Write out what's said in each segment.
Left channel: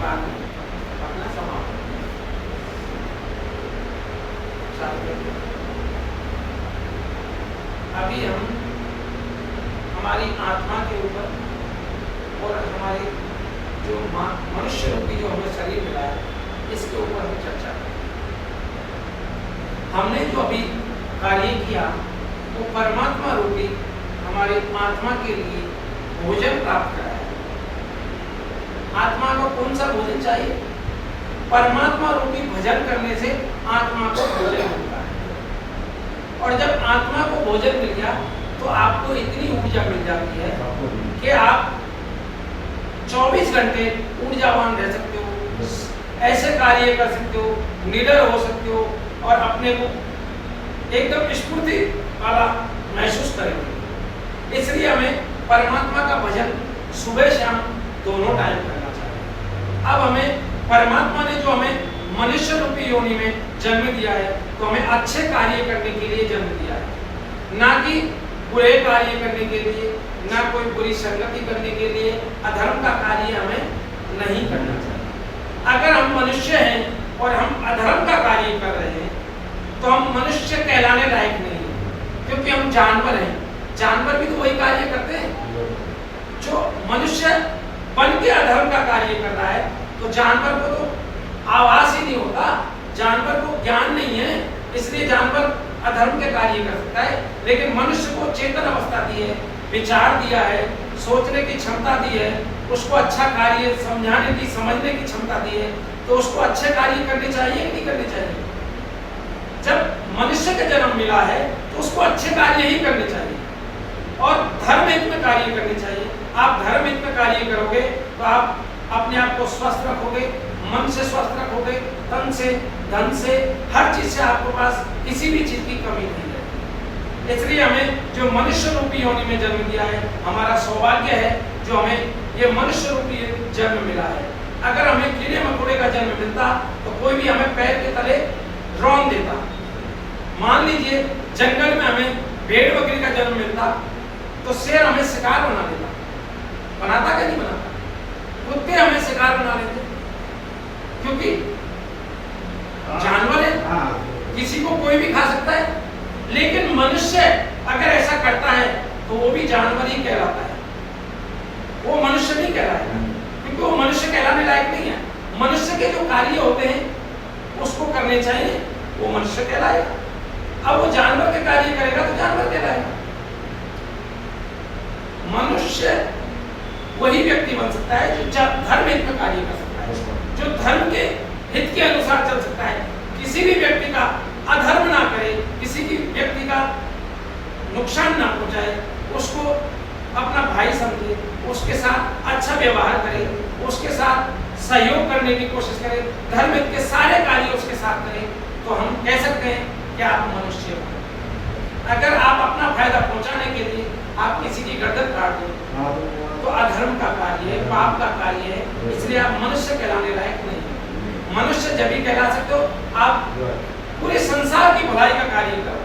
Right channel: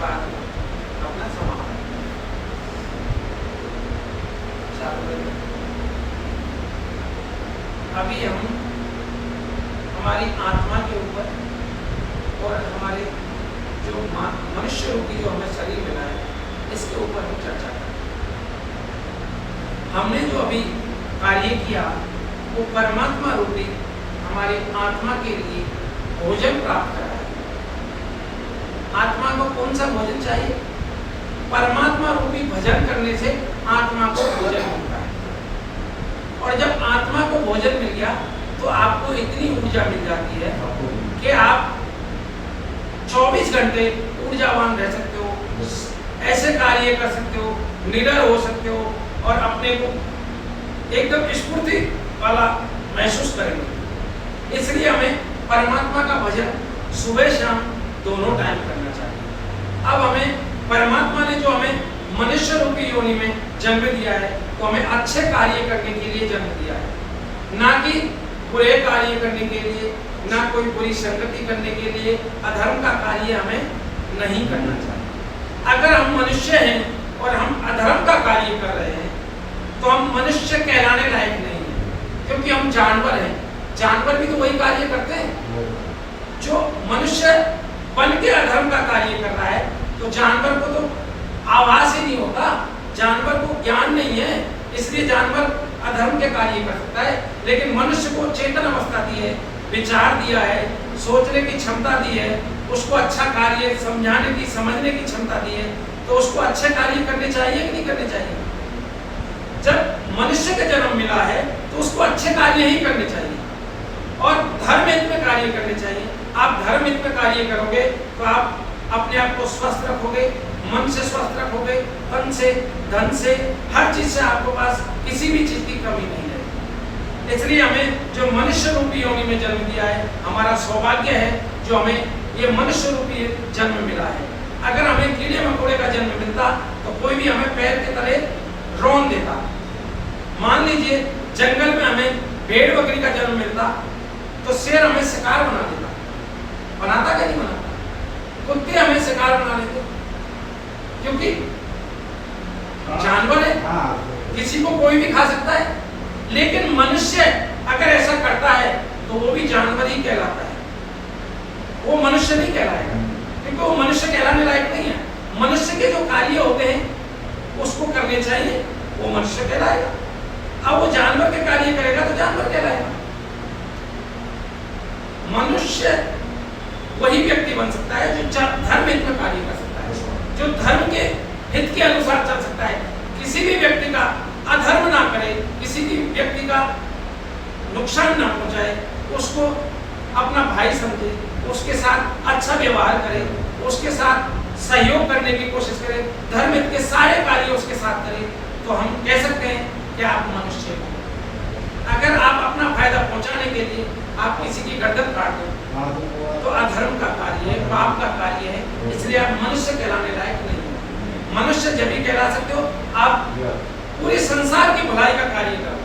बाद अपना समापन। अभी हम हमारी आत्मा के ऊपर और हमारे जो मनुष्य रूपी जो हमें शरीर मिला है इसके ऊपर हम चर्चा करें। हमने जो अभी कार्य किया वो परमात्मा रूपी हमारे आत्मा के लिए भोजन प्राप्त करा। आत्मा को कौन सा भोजन चाहिए? परमात्मा रूपी भजन करने से आत्मा को भोजन मिलता है। और जब आत्मा को भोजन मिल गया तो आपको इतनी ऊर्जा मिल जाती है कि आप 24 घंटे ऊर्जावान रह सकते हो, ऐसे कार्य कर सकते हो, निडर हो सकते हो और अपने को एकदम स्फूर्ति वाला महसूस करेंगे। इसलिए हमें परमात्मा का भजन सुबह शाम दोनों टाइम करना चाहिए। अब हमें परमात्मा ने जो हमें मनुष्य रूपी योनि में जन्म दिया है तो हमें अच्छे कार्य करने के लिए जन्म दिया है, ना कि बुरे कार्य करने के लिए, ना कोई बुरी संगति करने के लिए, अधर्म का कार्य हमें नहीं करना चाहिए। अगर हम मनुष्य हैं और हम अधर्म का कार्य कर रहे हैं तो हम मनुष्य कहलाने लायक नहीं हैं, क्योंकि हम जानवर हैं। जानवर भी तो वही कार्य करते हैं। जो मनुष्य बन के अधर्म का कार्य कर रहा है तो जानवर को तो आवाज ही नहीं होता, जानवर को ज्ञान नहीं है, इसलिए जानवर अधर्म के कार्य कर सकता है। लेकिन मनुष्य को चेतन अवस्था दी है, विचार दिया है, सोचने की क्षमता दी है, उसको अच्छा कार्य समझाने की, समझने की क्षमता दी है, तो उसको अच्छे कार्य करने चाहिए कि नहीं करने चाहिए? जब मनुष्य का जन्म मिला है तो उसको अच्छे कार्य ही करने चाहिए और धर्म हित में कार्य करने चाहिए। आप धर्म हित में कार्य करोगे तो आप अपने आप को स्वस्थ रखोगे, मन से स्वस्थ रखोगे, तन से, धन से, हर चीज से आपको पास किसी भी चीज की कमी नहीं है। इसलिए हमें जो मनुष्य रूपी योनि में जन्म दिया है, हमारा सौभाग्य है जो हमें ये मनुष्य रूपी जन्म मिला है। अगर हमें कीड़े मकोड़े का जन्म मिलता तो कोई भी हमें पैर के तले रौंद देता। मान लीजिए जंगल में हमें भेड़ बकरी का जन्म मिलता तो शेर हमें शिकार बना देता, बनाता क्या नहीं बनाता? कुत्ते हमें शिकार बना देते, क्योंकि जानवर है, किसी को कोई भी खा सकता है। लेकिन मनुष्य अगर ऐसा करता है तो वो भी जानवर ही कहलाता है, वो मनुष्य नहीं कहलाएगा, क्योंकि वो मनुष्य कहलाने लायक नहीं है। मनुष्य के जो कार्य होते हैं उसको करने चाहिए, वो मनुष्य कहलाएगा। अब वो जानवर के कार्य करेगा तो जानवर कहलाएगा। मनुष्य वही व्यक्ति बन सकता है जो धर्म हित में कार्य कर सकता है, जो धर्म के हित के अनुसार चल सकता है, किसी भी व्यक्ति का अधर्म ना करे, किसी भी व्यक्ति का नुकसान ना पहुंचाए, उसको अपना भाई समझे, उसके साथ अच्छा व्यवहार करे, उसके साथ सहयोग करने की कोशिश करे, धर्म हित के सारे कार्य उसके साथ करें, तो हम कह सकते हैं कि आप मनुष्य हो। अगर आप अपना फायदा पहुंचाने के लिए आप किसी की गर्दन काट दो तो अधर्म का कार्य है, पाप का कार्य है, इसलिए आप मनुष्य कहलाने लायक नहीं है। मनुष्य जब भी कहला सकते हो आप पूरे संसार की भलाई का कार्य करो।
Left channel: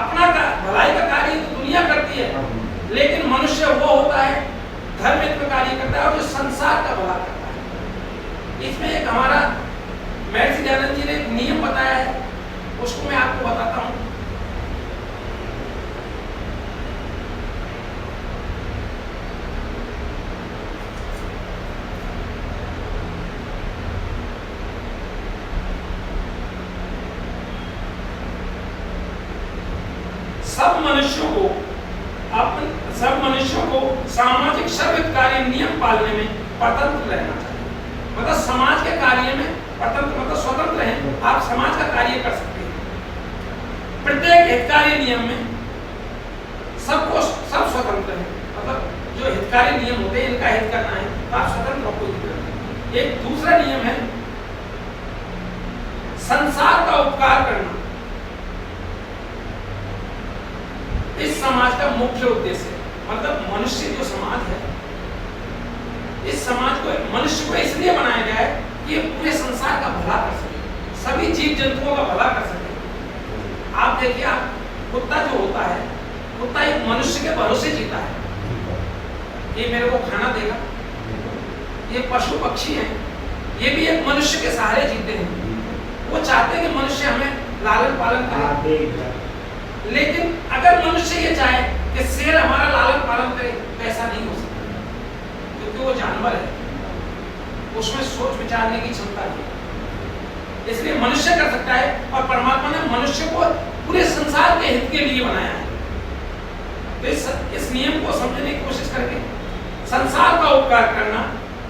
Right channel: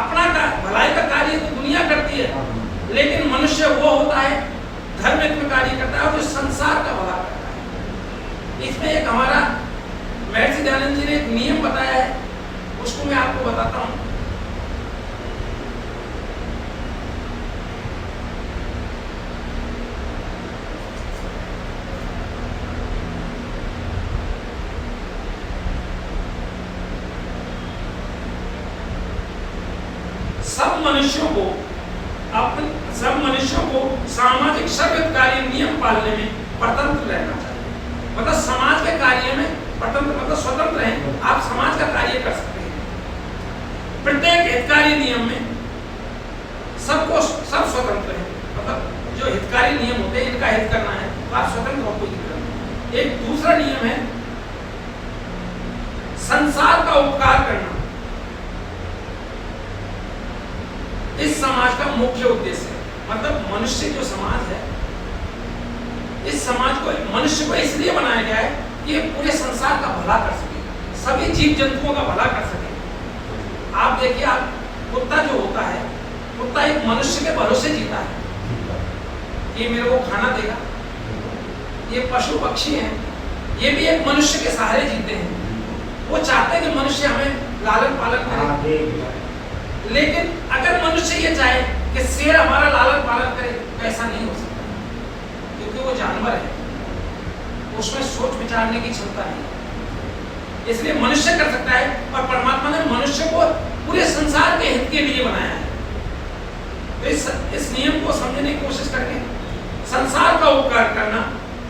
अपना भलाई का कार्य तो दुनिया करती है, लेकिन मनुष्य वो होता है धर्म हित में कार्य करता है और जो संसार का भला करता है। इसमें एक हमारा महर्षि दयानंद जी ने एक नियम बताया है, उसको मैं आपको बताता हूँ। सब मनुष्यों को सामाजिक सभ्यकारी नियम पालने में परतंत्र रहना चाहिए। मतलब समाज के कार्य में परतंत्र मतलब स्वतंत्र है, आप समाज का कार्य कर सकते हैं। प्रत्येक हितकारी नियम में सब स्वतंत्र है, मतलब जो हितकारी नियम होते हैं इनका हित करना है तो आप स्वतंत्र हो, कोई दिक्कत नहीं। एक दूसरा नियम है संसार का उपकार करना। इस समाज का मुख्य उद्देश्य है, मतलब मनुष्य जो समाज है, इस समाज को मनुष्य को इसलिए बनाया गया है कि ये पूरे संसार का भला कर सके, सभी जीव जंतुओं का भला कर सके। आप देखिए, आप कुत्ता जो होता है, कुत्ता एक मनुष्य के भरोसे जीता है कि मेरे को खाना देगा, ये पशु पक्षी हैं, ये भी एक मनुष्य के सहारे जीते हैं। वो चाहते हैं कि मनुष्य हमें लालन पालन करे, लेकिन अगर मनुष्य ये चाहे कि शेर हमारा लालन पालन करे, ऐसा नहीं हो सकता, क्योंकि वो जानवर है, उसमें सोच विचारने की क्षमता नहीं है। इसलिए मनुष्य कर सकता है, और परमात्मा ने मनुष्य को पूरे संसार के हित के लिए बनाया है। तो इस नियम को समझने की कोशिश करके संसार का उपकार करना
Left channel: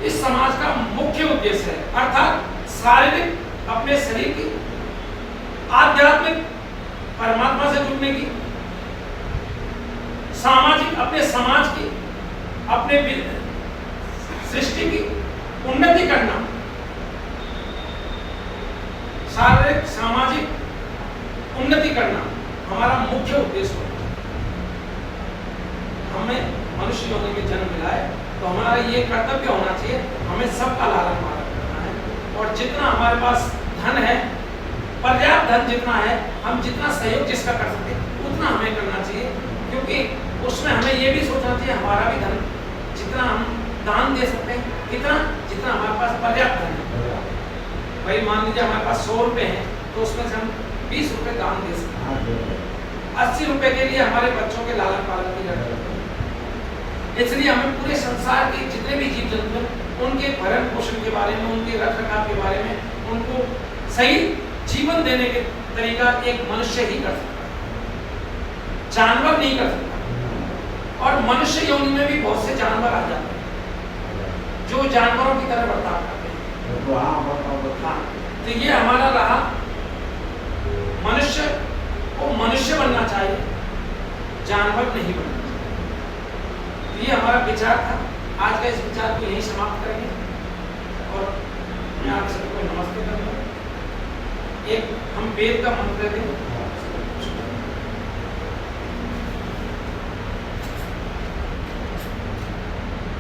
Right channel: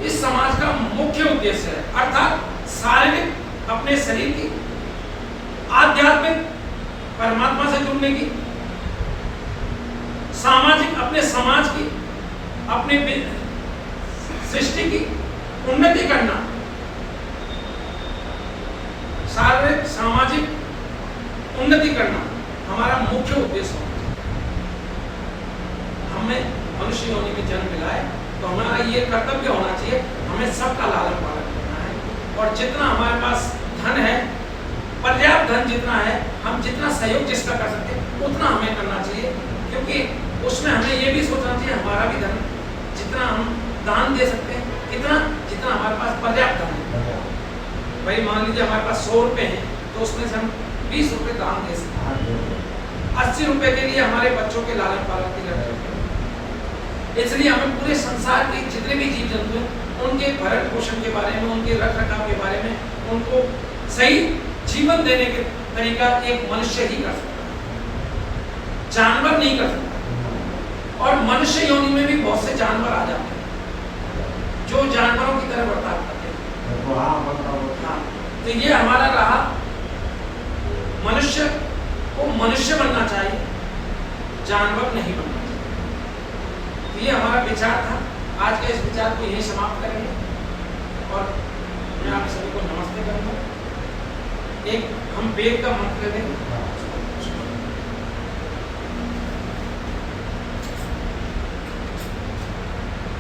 इस समाज का मुख्य उद्देश्य है। अर्थात शारीरिक अपने शरीर की, आध्यात्मिक परमात्मा से जुड़ने की, सामाजिक अपने समाज की, अपने सृष्टि की उन्नति करना, शारीरिक सामाजिक उन्नति करना हमारा मुख्य उद्देश्य है। हमें मनुष्य योनि में जन्म मिला है, तो हमारा ये कर्तव्य होना चाहिए, हमें सबका लालन पालन करना है। और जितना हमारे पास धन है, पर्याप्त धन जितना है, हम जितना सहयोग जिसका कर सकते हैं उतना हमें करना चाहिए, क्योंकि उसमें हमें ये भी सोचना चाहिए हमारा भी धन जितना हम दान दे सकते हैं, कितना जितना हमारे पास पर्याप्त धन है। भाई मान लीजिए हमारे पास 100 रुपये हैं, तो उसमें से हम 20 रुपये दान दे सकते हैं। 80 रुपये के लिए हमारे बच्चों के लालन पालन की जरूरत है। इसलिए हमें पूरे संसार के जितने भी जीव जंतु हैं उनके भरण पोषण के बारे में, उनके रख रखाव के बारे में, उनको सही जीवन देने के तरीका एक मनुष्य ही कर सकता है, जानवर नहीं कर सकता। और मनुष्य योनि में भी बहुत से जानवर आ जाते हैं जो जानवरों की तरह बर्ताव करते हैं। हाँ, तो ये हमारा रहा, मनुष्य को मनुष्य बनना चाहिए, जानवर नहीं बनना चाहिए। तो ये हमारा विचार था। आज का इस विचार को यही समाप्त करेंगे, और मैं आप सभी को नमस्ते करूँगा। एक हम वेद का मंत्र दें।